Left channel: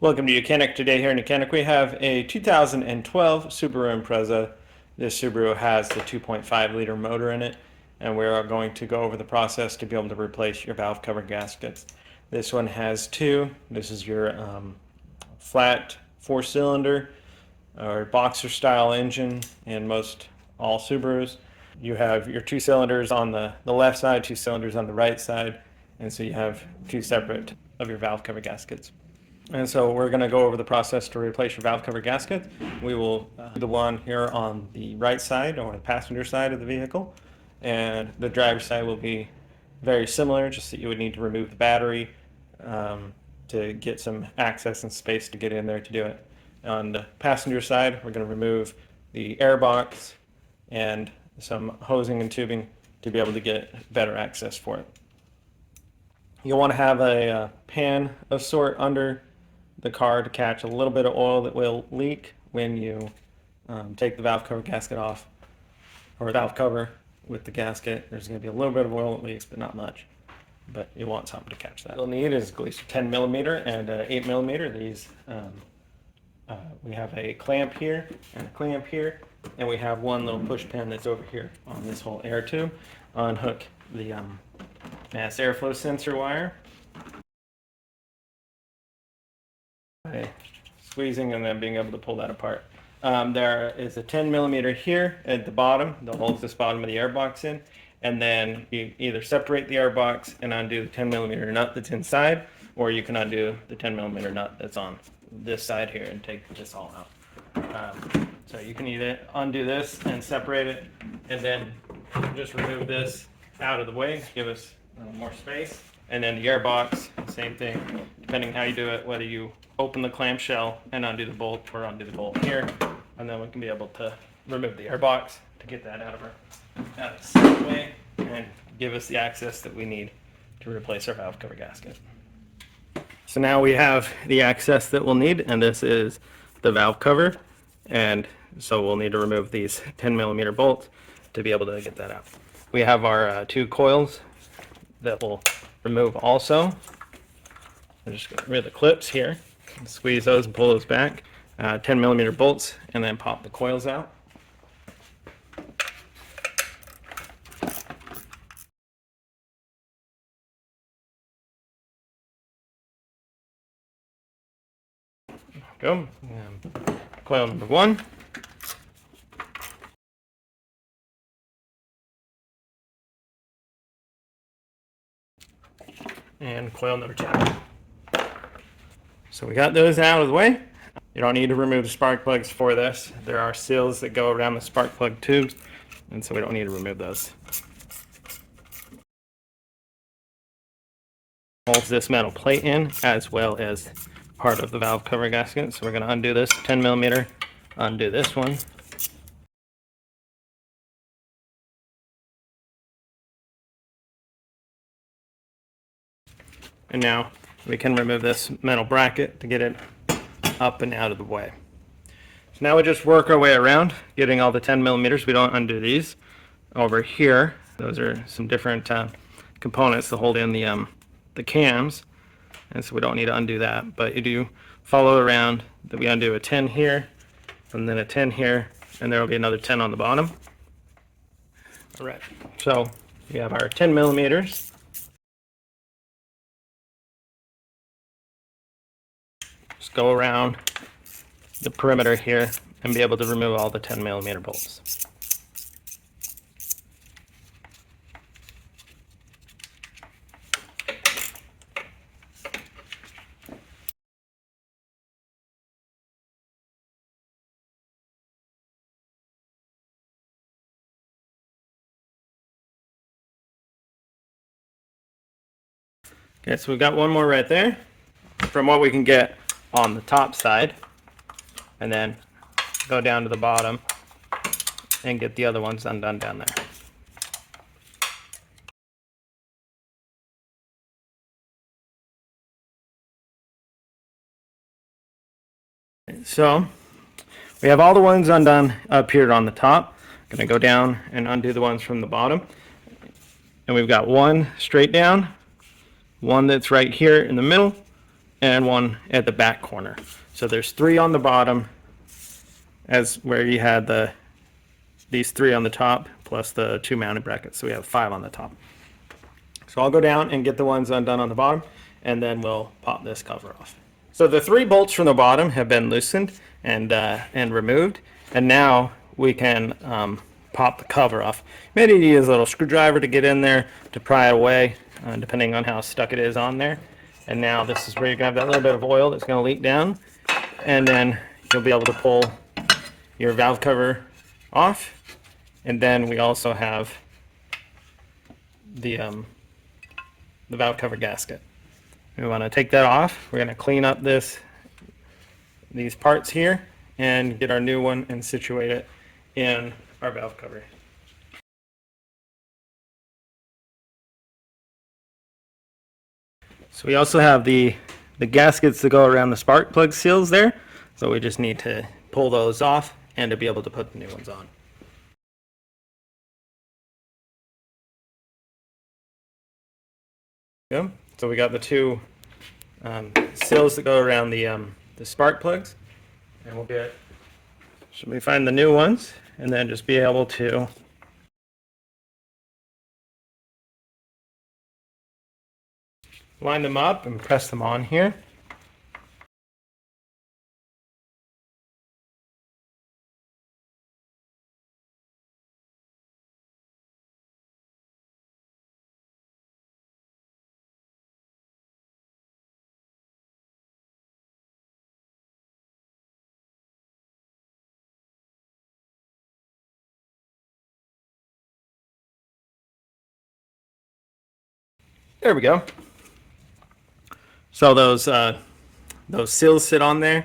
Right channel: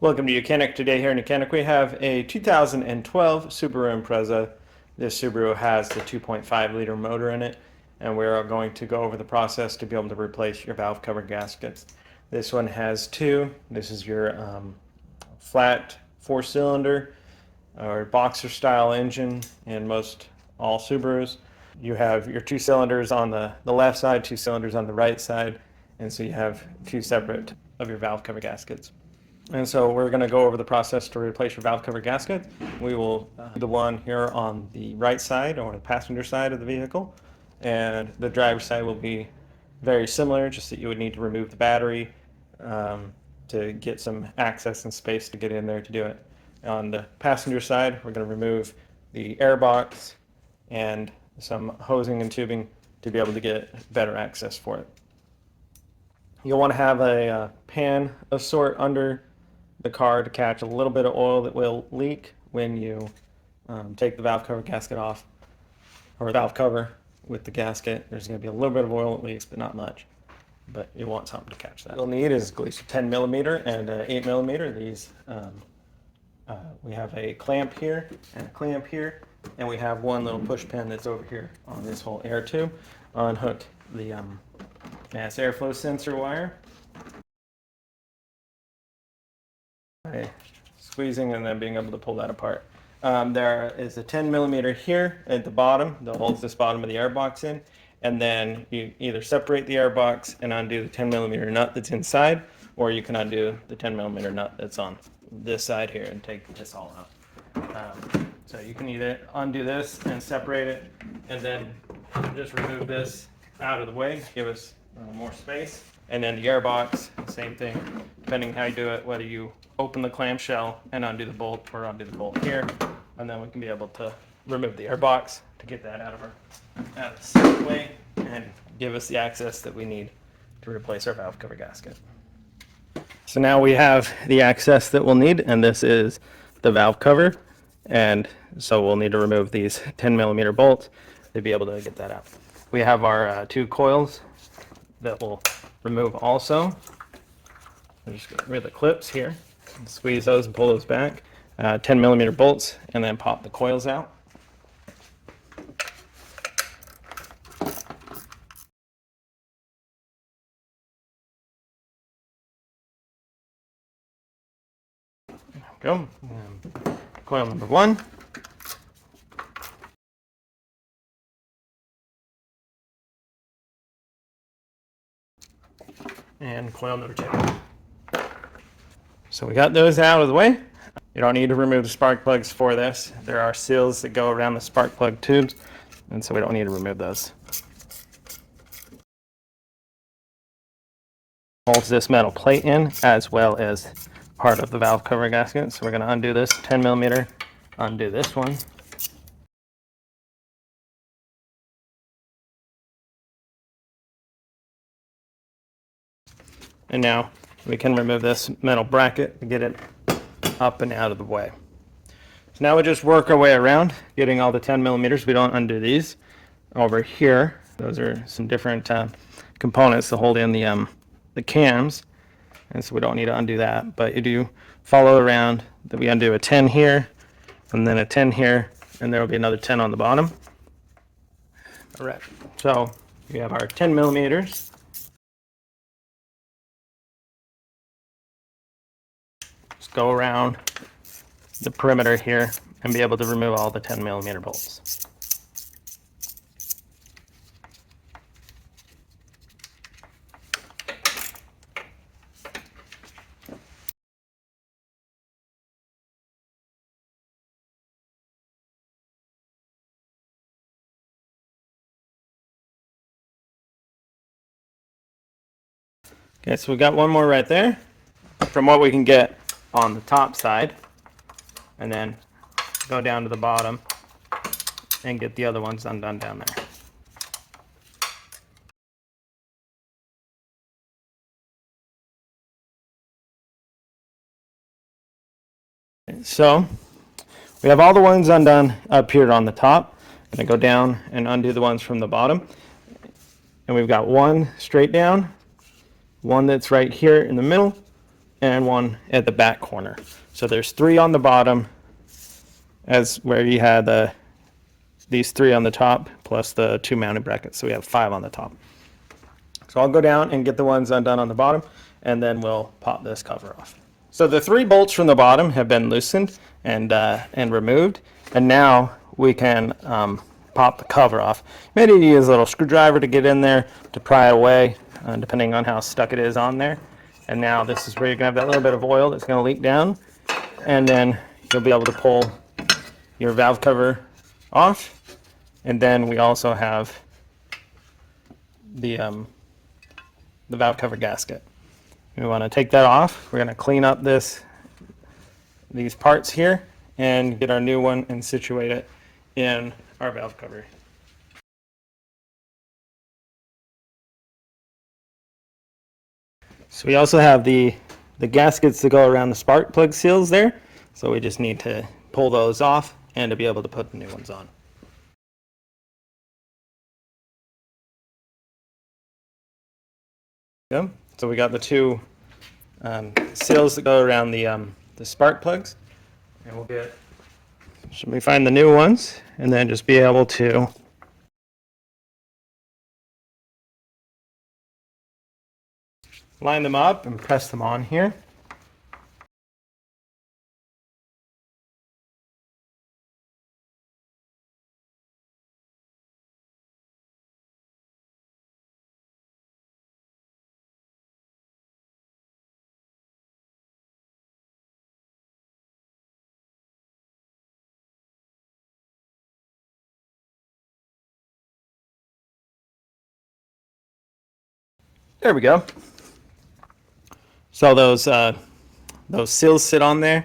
Welcome to YOUCANIC. Today here in YOUCANIC we have a 2012 Subaru Impreza. This Subaru has the 2.5 liter motor in it, and we're going to go over the process to be able to replace your valve cover gaskets. This one has two. This is your flat 4-cylinder or boxer style engine in most all Subarus. You have your 2 cylinders on the left side, 2 cylinders on the right side, and so you have two separate of your valve cover gaskets. And so we're going to go over the process to replace your valve cover gasket. We will do the one here on the right side or the passenger side of the vehicle, and the driver's side will be very similar, just that you would need to remove the battery to get some access and space to get in there to do it. On the passenger side, we're going to remove the air box and some hosing and tubing to be able to get better access for it. You'll want to have a pan of sort under the car to catch a little bit of oil that will leak when you take the valve cover gasket off, or valve cover with the gasket. There's going to be a little bit of oil that leaks, but not much. But you want something to catch that. You'll need is at least 10 millimeter and 8 millimeter. These we have a clamp here and a clamp here, and we have one little push pin that's over here on this whole air tube. Unhook the mass airflow sensor wire. Okay. Squeezing and then being able to pull that apart. There is a 10 millimeter here at the bottom that holds this bottom of the air box in, and then you either separate the air box and undo the 10 millimeter nut that's inside, or you can undo the 10 millimeter nut that's on this side here and take this all out. So you can either undo this and separate it, and then just remove this out of the way, give us more space. And then the air box, same thing, depending how you do it, whether you open the clamshell and undo the bolt or undo the bolt here, and then we can be able to remove the air box to get that out of the way and give us the access that we need to replace our valve cover gasket. So now we have the access that we'll need, and this is the valve cover, and so we'll need to remove these 10 millimeter bolts to be able to get that out. We have our two coils that will remove also. We'll just get rid of the clips here, squeeze those and pull those back. 10 millimeter bolts, and then pop the coils out. Go. Coil number one. And coil number two. So we got those out of the way. You don't need to remove the spark plugs for this. There are seals that go around the spark plug tubes, and so we don't need to remove those. Holds this metal plate in, as well as part of the valve cover gasket. So we're going to undo this 10 millimeter, undo this one. And now we can remove this metal bracket to get it up and out of the way. So now we just work our way around, getting all the 10 millimeters. We don't undo these. Over here, those are some different components to hold in the cams, and so we don't need to undo that. But you do follow around that we undo a 10 here, and then a 10 here, and there will be another 10 on the bottom. All right. So we have our 10 millimeters. Just go around the perimeter here and be able to remove all the 10 millimeter bolts. Okay, so we got one more right there from what we can get on the top side, and then go down to the bottom and get the other ones undone down there. So we have all the ones undone up here on the top. I'm going to go down and undo the ones from the bottom. And we've got one straight down, one that's right here in the middle, and one at the back corner. So there's 3 on the bottom, as where you had these 3 on the top, plus the 2 mounted brackets. So we have 5 on the top. So I'll go down and get the ones undone on the bottom, and then we'll pop this cover off. So the 3 bolts from the bottom have been loosened and removed, and now we can pop the cover off. Maybe you use a little screwdriver to get in there to pry it away, depending on how stuck it is on there. And now this is where you're going to have that little bit of oil that's going to leak down, and then you'll be able to pull your valve cover off. And then we also have the valve cover gasket. We want to take that off. We're going to clean up these parts here and get our new one and situate it in our valve cover. So we also have the gaskets that go around the spark plug seals there. So we just need to pull those off and to be able to put the new ones on. Yeah. So we got the 2 seals that go around the spark plugs. And we'll get, so we find the new ones and then just be able to line them up and press them on here. There we go. So those seals sit on there,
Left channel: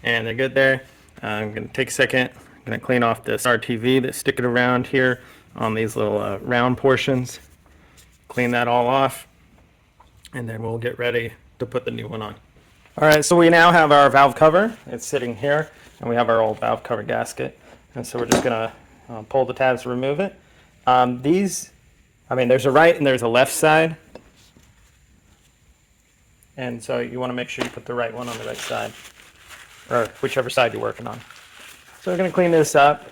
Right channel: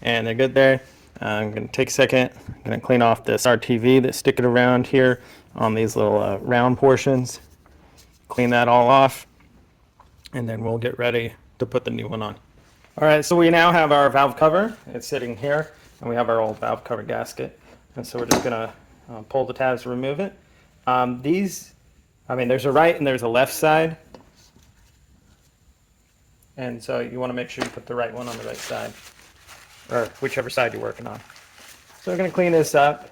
and they're good there. I'm going to take a second. I'm going to clean off this RTV that's sticking around here on these little round portions. Clean that all off, and then we'll get ready to put the new one on. All right, so we now have our valve cover. It's sitting here, and we have our old valve cover gasket. And so we're just going to pull the tabs, remove it. There's a right and there's a left side. And so you want to make sure you put the right one on the right side, or whichever side you're working on. So we're going to clean this up.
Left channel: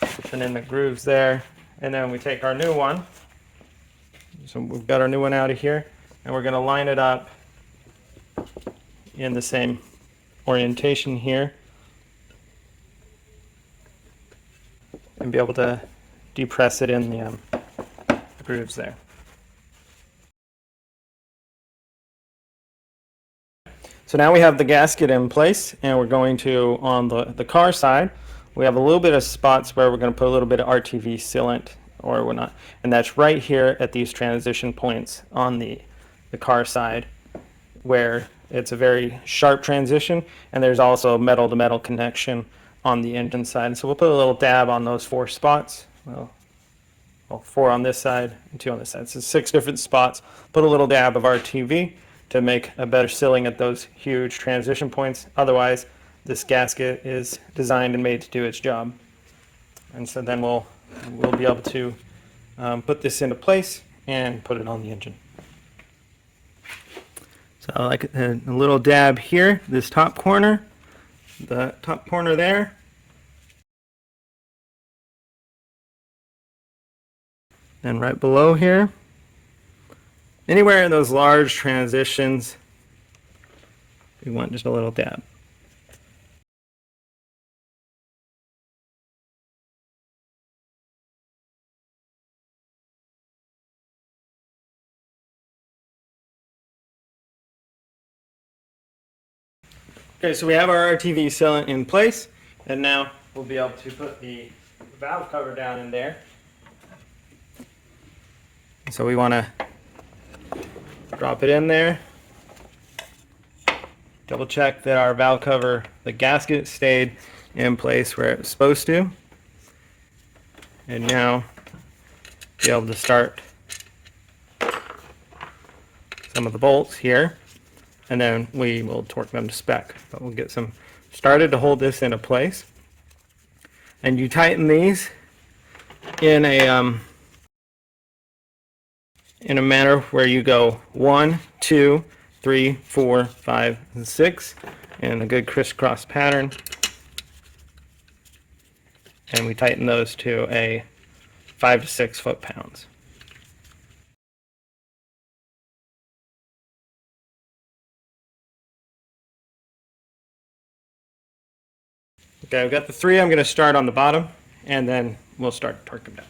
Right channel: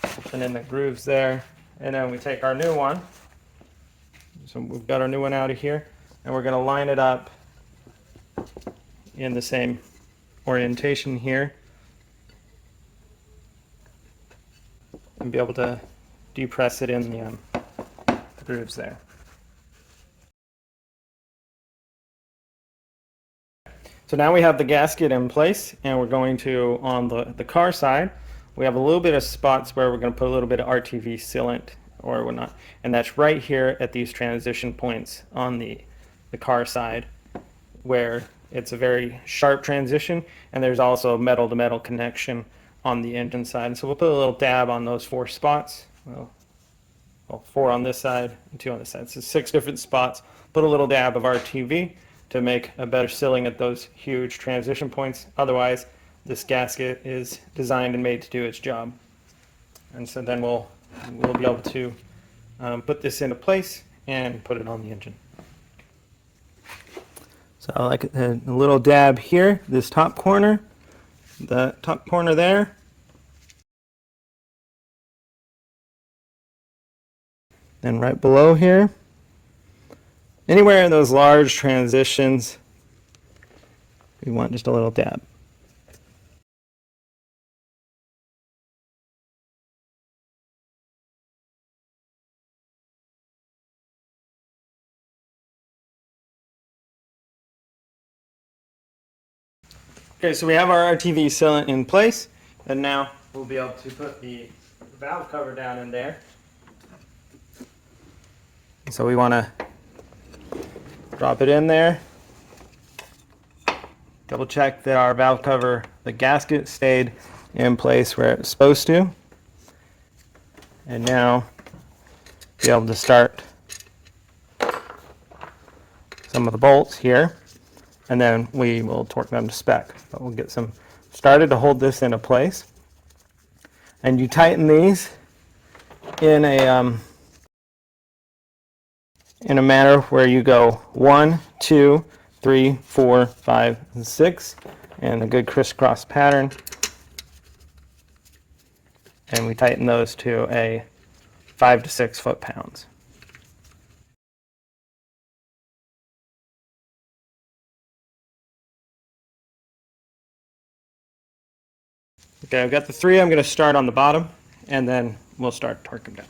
Put in the grooves there. And then we take our new one. So we've got our new one out of here. And we're going to line it up in the same orientation here. And be able to depress it in the grooves there. So now we have the gasket in place, and we're going to, on the car side, we have a little bit of spots where we're going to put a little bit of RTV sealant or whatnot, and that's right here at these transition points on the car side, where it's a very sharp transition, and there's also a metal-to-metal connection on the engine side. So we'll put a little dab on those 4 spots. Well, 4 on this side and 2 on this side. So 6 different spots. Put a little dab of RTV to make a better sealing at those huge transition points. Otherwise, this gasket is designed and made to do its job. And so then we'll be able to put this into place and put it on the engine. So I like a little dab here, this top corner, the top corner there. Then right below here. Anywhere in those large transitions, we want just a little dab. Okay, so we have our RTV sealant in place, and now we'll be able to put the valve cover down in there. So we want to drop it in there. Double check that our valve cover, the gasket, stayed in place where it's supposed to. And now be able to start some of the bolts here, and then we will torque them to spec. But we'll get some started to hold this into place. And you tighten these in a in a manner where you go 1, 2, 3, 4, 5, and 6 in a good crisscross pattern. And we tighten those to a 5 to 6 foot-pounds. Okay, I've got the 3. I'm going to start on the bottom, and then we'll start torquing down.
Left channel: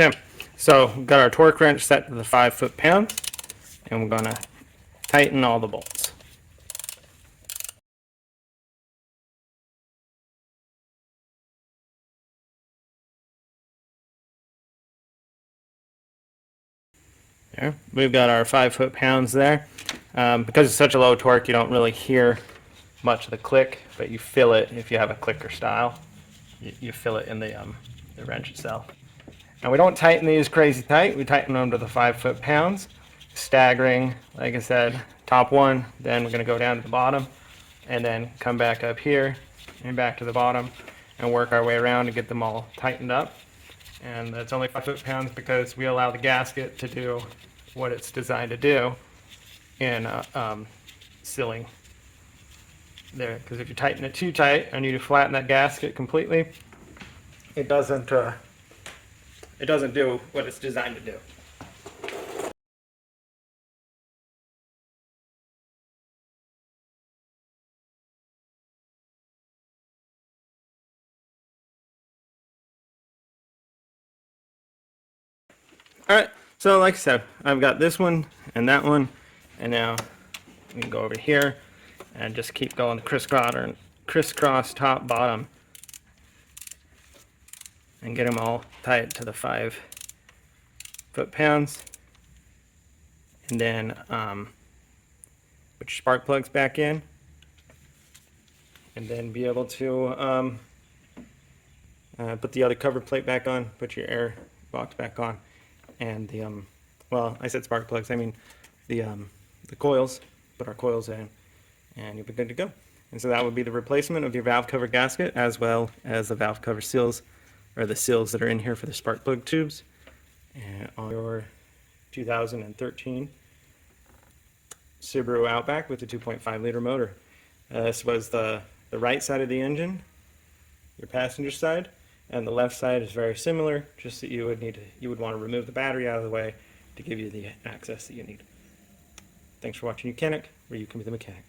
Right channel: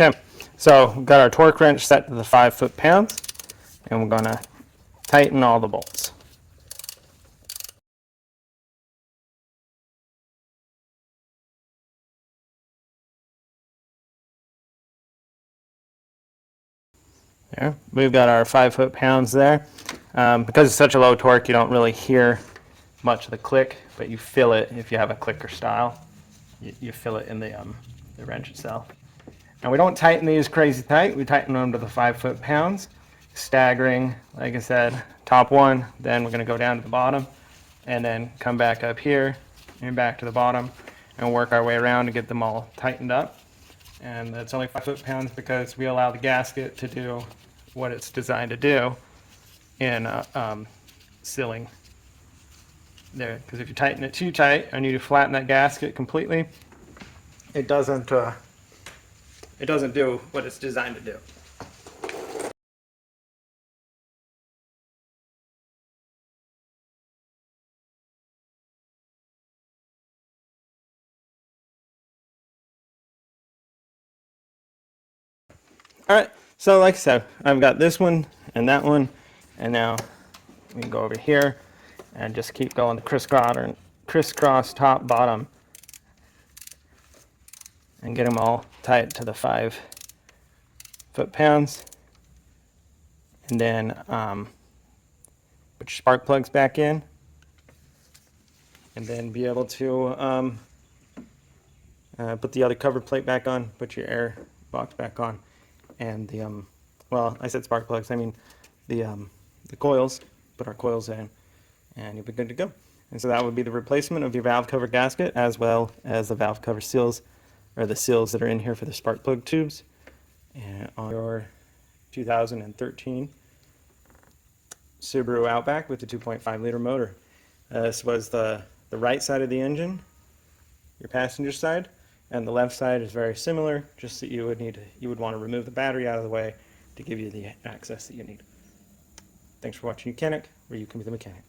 Okay, so we've got our torque wrench set to the 5 foot-pounds, and we're going to tighten all the bolts. There, we've got our 5 foot-pounds there. Because it's such a low torque, you don't really hear much of the click, but you feel it if you have a clicker style. You feel it in the wrench itself. And we don't tighten these crazy tight. We tighten them to the 5 foot-pounds, staggering, like I said, top one, then we're going to go down to the bottom, and then come back up here and back to the bottom and work our way around to get them all tightened up. And that's only 5 foot-pounds because we allow the gasket to do what it's designed to do in sealing there. Because if you tighten it too tight and you flatten that gasket completely, it doesn't do what it's designed to do. Alright, so like I said, I've got this one and that one, and now we can go over here and just keep going the crisscross top bottom and get them all tight to the 5 foot-pounds. And then put your spark plugs back in, and then be able to put the other cover plate back on, put your air box back on, and the well, I said spark plugs, I mean the coils. Put our coils on, and you'll be good to go. And so that would be the replacement of your valve cover gasket, as well as the valve cover seals, or the seals that are in here for the spark plug tubes, and on your 2013 Subaru Outback with the 2.5 liter motor. This was the right side of the engine, your passenger side, and the left side is very similar, just that you would want to remove the battery out of the way to give you the access that you need. Thanks for watching YOUCANIC, where you can be the mechanic.